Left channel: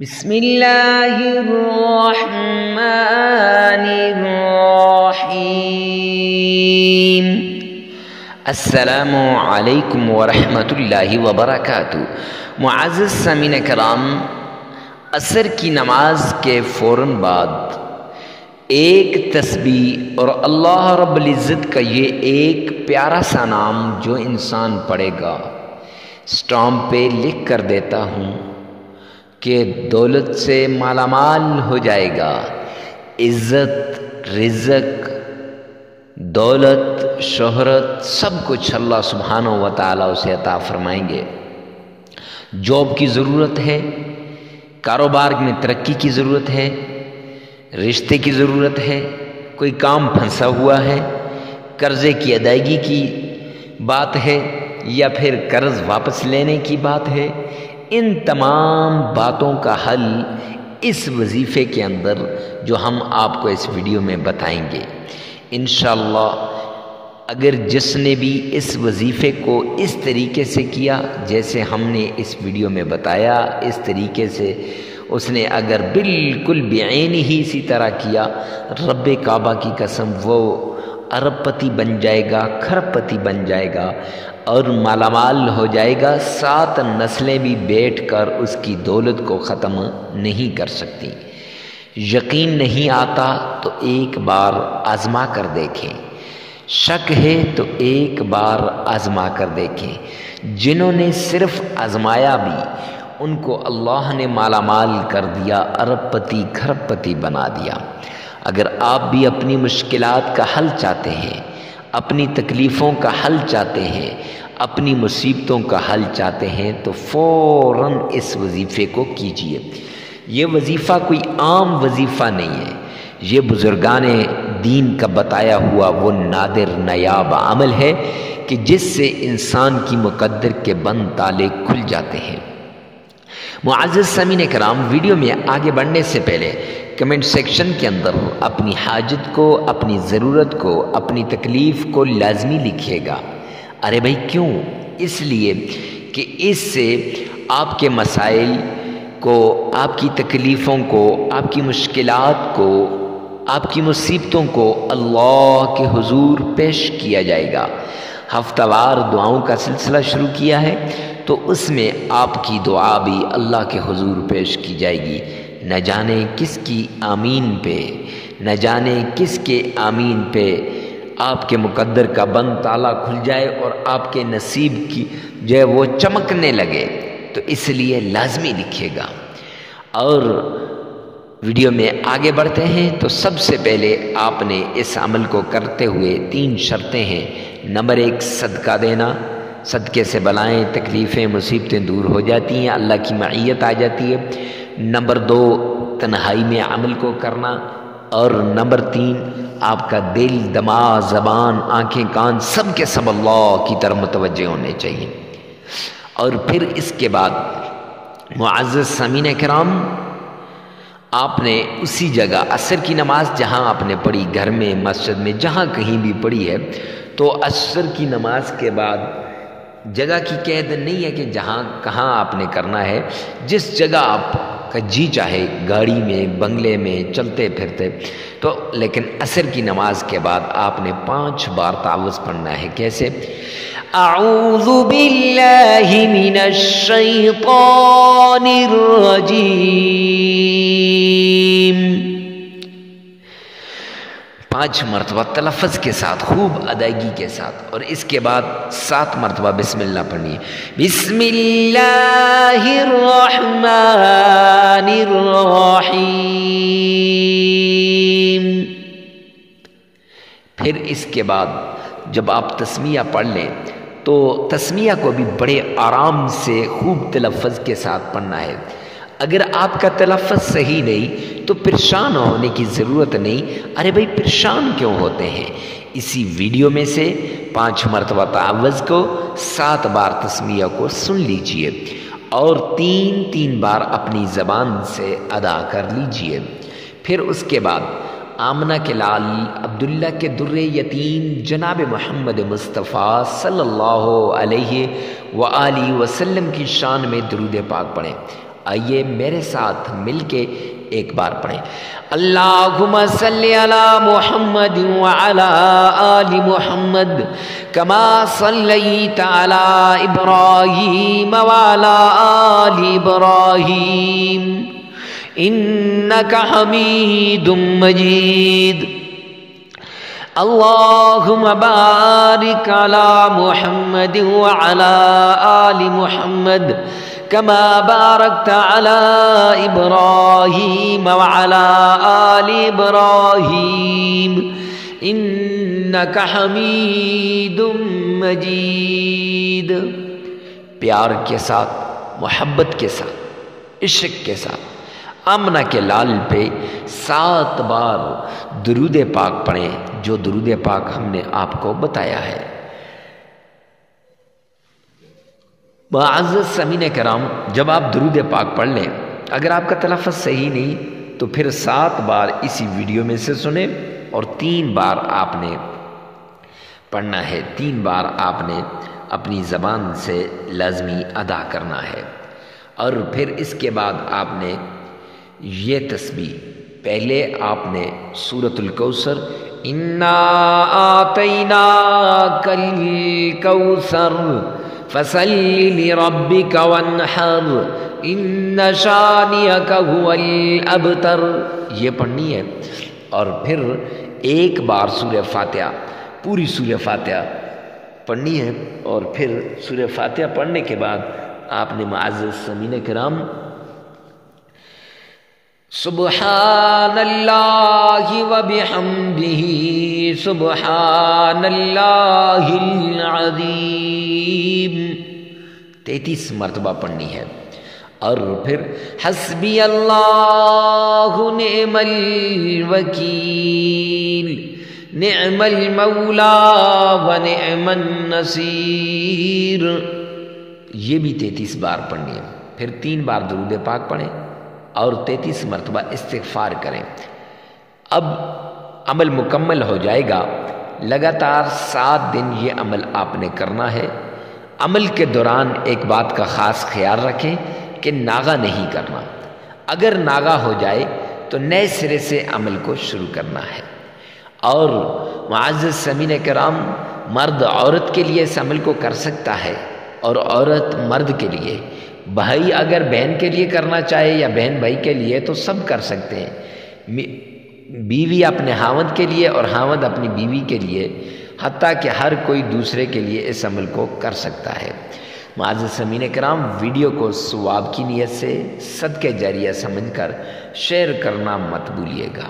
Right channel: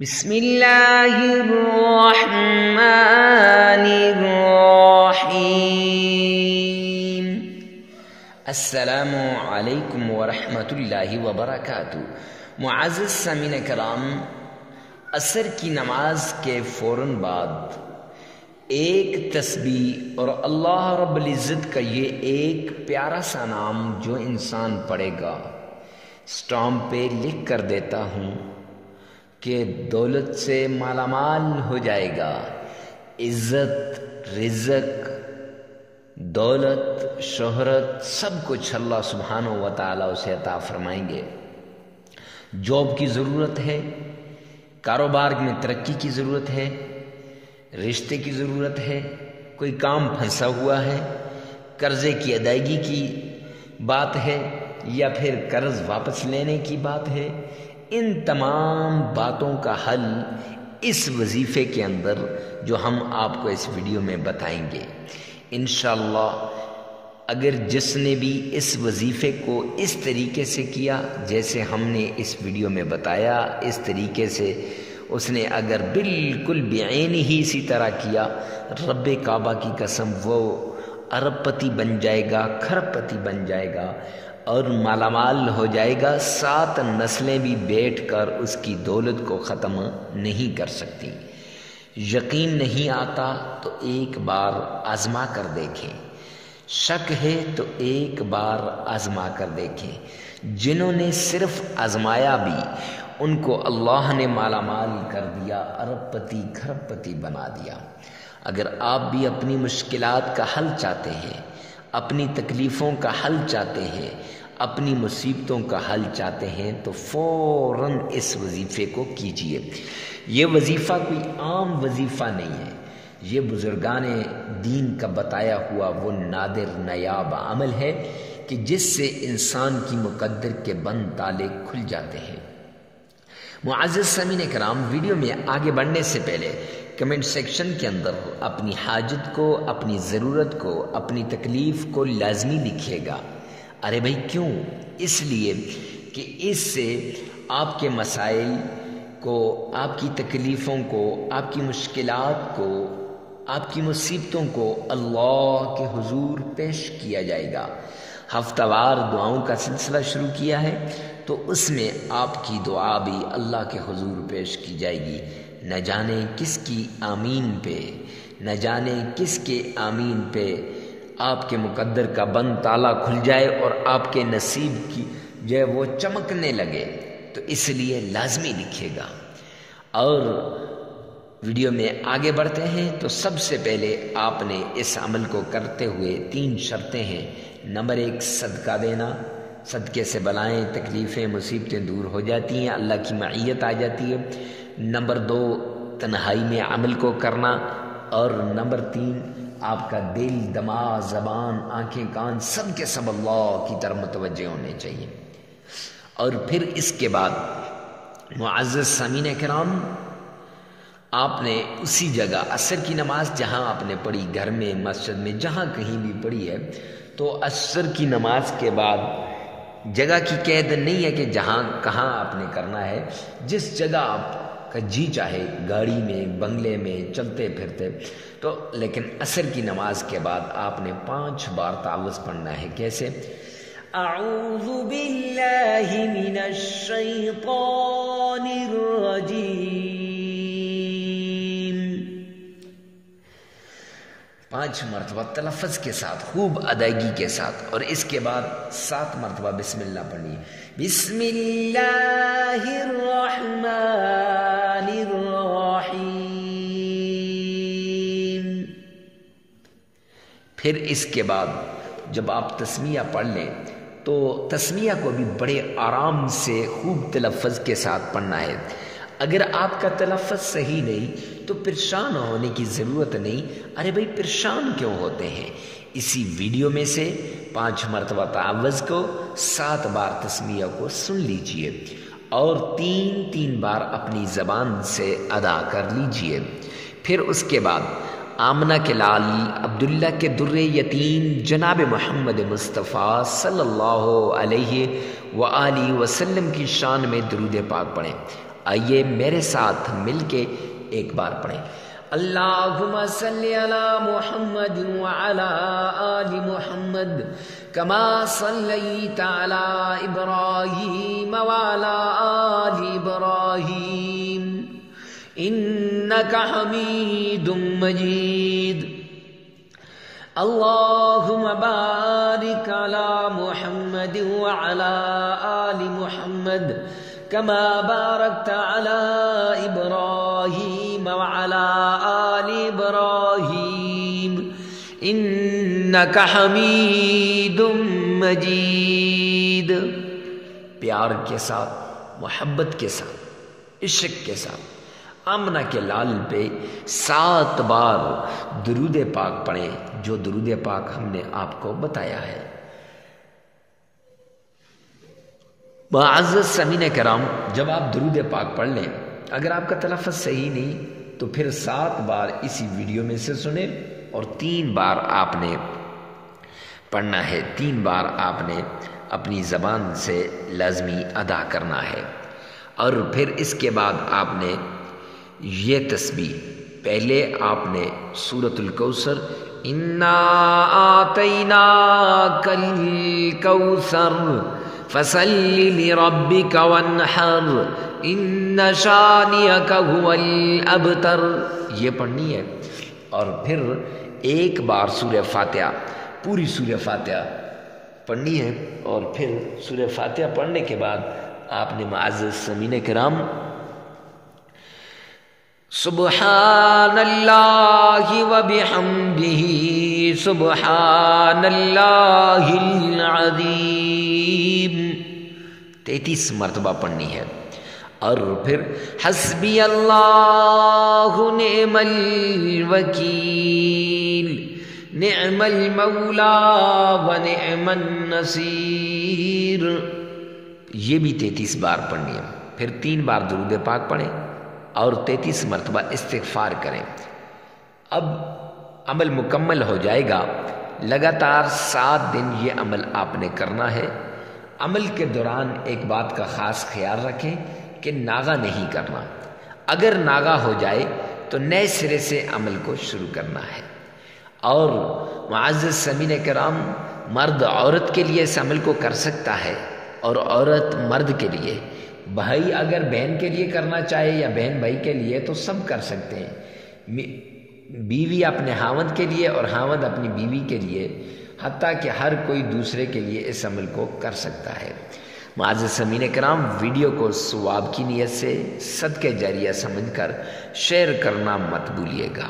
بسم اللہ الرحمن الرحیم۔ السلام علیکم ورحمۃ اللہ وبرکاتہ۔ معزز سامعین کرام، عصر کی نماز کے فوراً بعد ایک تسبیح اور اللہ رب العزت کا یہ ایک پیارا سا نام جو انسان پڑھے گا، اسٹامپ پہ لکھ کر دیتا ہوں کہ دولت سے مالا مال ہو جائے گا، عزت، رزق، دولت، شہرت، سب کچھ اللہ سبحانہ و تعالیٰ اسے عطا فرمائیں گے۔ جاب کی ضرورت ہے، کاروبار میں ترقی کی ضرورت ہے، رشتے کی ضرورت ہے، کوئی کام پھنسا ہوا ہے، قرضے کی ادائیگی کی بات ہے یا پھر قرض واپس لینے کی بات ہے، ان تمام باتوں کا حل اس وظیفے کے اندر جو ہم آپ کو اس ویڈیو میں بتائیں گے انشاءاللہ۔ اگر جس نے بھی اس وظیفے کو اس طریقے سے کیا جیسے ہم نے اس ویڈیو میں بتایا، اس طریقے سے اس نے اگر بالکل بعین ہی اسی طرح کیا، رب کعبہ کی قسم وہ ارب پتی بن جائے گا، کھرب پتی بن جائے گا اور مالا مال ہو جائے گا۔ 7 نسلیں بھی بیٹھ کر اس کی دولت کو ختم نہیں کر سکتی۔ یقین نہیں آتا تو ایک بار آزما کر دیکھیں، شک ہے تو ایک بار آزما کر دیکھیں۔ جنہوں نے صرف آزمایا بھی ان کو اللہ نے مالا مال کر دیا، ارب پتی کھرب پتی بنا دیا۔ اگر آپ بھی اپنی مشکلات کا حل چاہتے ہیں، اپنی تکلیفوں کا حل چاہتے ہیں، اپنی مصیبتوں کا حل چاہتے ہیں تو فوراً اس وظیفے کو کیجیے۔ یہ وظیفہ کوئی عام وظیفہ نہیں ہے، یہ بزرگان دین کا بتایا ہوا وہ نادر نایاب عمل ہے کہ جس سے انسان کی مقدر کے بند تالے کھل جاتے ہیں۔ معزز سامعین کرام، ویڈیو میں آگے بڑھنے سے پہلے کمنٹ سیکشن کے اندر اپنی حاجت کو، اپنی ضرورت کو، اپنی تکلیف کو لازمی لکھیے گا۔ ارے بھائی کیوں؟ اس لیے کہ اس سے آپ کے مسائل کو، آپ کی تکلیفوں کو، آپ کی مشکلات کو، آپ کی مصیبتوں کو اللہ کے حضور پیش کیا جائے گا۔ ہفتہ وار دعاؤں کا سلسلہ شروع کیا ہے تو اس میں آپ کی دعا بھی اللہ کے حضور پیش کی جائے گی۔ نہ جانے کس کی آمین پہ، نہ جانے کس کے آمین پہ آپ کے مقدر کا بند تالا کھل جائے اور آپ کے نصیب کی جو ہے وہ چمکنے لگے، تو اس لیے لازمی لکھیے گا۔ اور ویڈیو میں آگے بڑھتے ہیں تو سب سے پہلے آپ نے اس عمل کو کرتے ہوئے 3 شرطیں ہیں۔ نمبر 1 صدقہ دینا، صدقے سے بلائیں، تکلیفیں، مصیبتیں دور ہو جاتی ہیں، اللہ کی معیت آ جاتی ہے۔ نمبر 2 تنہائی میں عمل کو کرنا، اور نمبر 3 آپ کا دل، دماغ، زبان، آنکھیں، کان سب کے سب اللہ کی طرف متوجہ ہونے چاہیے۔ اور پھر اس کے بعد معزز سامعین کرام، آپ نے اسی جگہ عصر کی نماز جہاں آپ نے پڑھی، گھر میں، مسجد میں، جہاں کہیں بھی پڑھی ہے، تو عصر کی نماز کے بعد جگہ کی قید نہیں ہے کہ جہاں کہاں آپ نے کرنا ہے، جس جگہ آپ کا جی چاہے، گاڑی میں، بنگلے میں، چلتے پھرتے، تو لیکن عصر کی نماز کے بعد آپ نے 5 بار تعوذ پڑھنا ہے۔ کیسے؟ اعوذ باللہ من الشیطان الرجیم، 5 مرتبہ تلفظ کے ساتھ، خوب ادائیگی کے ساتھ، اور اس کے بعد 7 مرتبہ بسم اللہ پڑھنی ہے۔ بسم اللہ الرحمن الرحیم۔ پھر اس کے بعد جب آپ تسمیہ پڑھ لیں تو تسمیہ کو بھی بڑے آرام سے خوب تلفظ کے ساتھ پڑھنا ہے۔ اگر آپ کا تلفظ صحیح نہیں تو پریشان ہونے کی ضرورت نہیں۔ ارے بھائی پریشان کیوں ہوتے ہیں؟ اسی ویڈیو میں سے 5 مرتبہ تعوذ کو، 7 بار تسمیہ کو سن لیجئے اور 3 بار اپنی زبان سے ادا کر لیجئے۔ پھر اس کے بعد آمنہ کے لال، عبداللہ کے در یتیم، جناب محمد مصطفیٰ صلی اللہ علیہ وآلہ وسلم کی شان میں درود پاک پڑھیں۔ آئیے میرے ساتھ مل کے ایک بار پڑھیں، اللہم صلی علی محمد وعلی آل محمد کما صلیت علی ابراہیم وعلی آل ابراہیم انک حمید مجید، اللہم بارک علی محمد وعلی آل محمد کما بارکت علی ابراہیم وعلی آل ابراہیم انک حمید مجید۔ پیار کے ساتھ، محبت کے ساتھ، عشق کے ساتھ آمنہ کے لال پہ 7 بار درود پاک پڑھیں، جو درود پاک ہم نے آپ کو بتایا ہے۔ معزز سامعین کرام، جب آپ درود پاک پڑھ لیں، اگر آپ کا تلفظ صحیح نہیں تو پھر 7 بار اسی ویڈیو میں سے سنیں اور 3 بار آپ نے پڑھنا ہے، 3 بار آپ نے اپنی زبان سے لازمی ادا کرنا ہے۔ اور پھر اس کے بعد آپ نے یہ تسبیح، پہلے آپ نے سورۃ الکوثر انا آتیناک الکوثر فصل لربک وانحر ان شانئک هو الابتر، یہ پڑھنی ہے۔ اور پھر 1 بار سورہ فاتحہ، پوری سورہ فاتحہ پڑھنی ہے۔ اور پھر سورہ فاتحہ پڑھنے کے بعد آپ نے معزز سامعین کرام سبحان اللہ وبحمدہ سبحان اللہ العظیم 33 مرتبہ پڑھنی ہے۔ اور پھر حسبی اللہ نعم الوکیل نعم المولا ونعم النصیر، یہ بھی 33 بار پڑھنی ہے۔ پھر 3 بار درود پاک پڑھیں اور 33 مرتبہ استغفار کریں۔ اب عمل مکمل ہو جائے گا، لگاتار 7 دن یہ عمل آپ نے کرنا ہے۔ عمل کے دوران ایک بات کا خاص خیال رکھیں کہ ناغہ نہیں کرنا، اگر ناغہ ہو جائے تو نئے سرے سے عمل کو شروع کرنا ہے۔ اور معزز سامعین کرام، مرد عورت کے لیے اس عمل کو کر سکتا ہے اور عورت مرد کے لیے، بھائی اگر بہن کے لیے کرنا چاہے یا بہن بھائی کے لیے تو سب کر سکتے ہیں، بیوی اپنے خاوند کے لیے اور خاوند اپنی بیوی کے لیے، حتیٰ کہ ہر کوئی دوسرے کے لیے اس عمل کو کر سکتا ہے۔ معزز سامعین کرام، ویڈیو کو ثواب کی نیت سے صدقہ جاریہ سمجھ کر شیئر کرنا مت بھولیے گا۔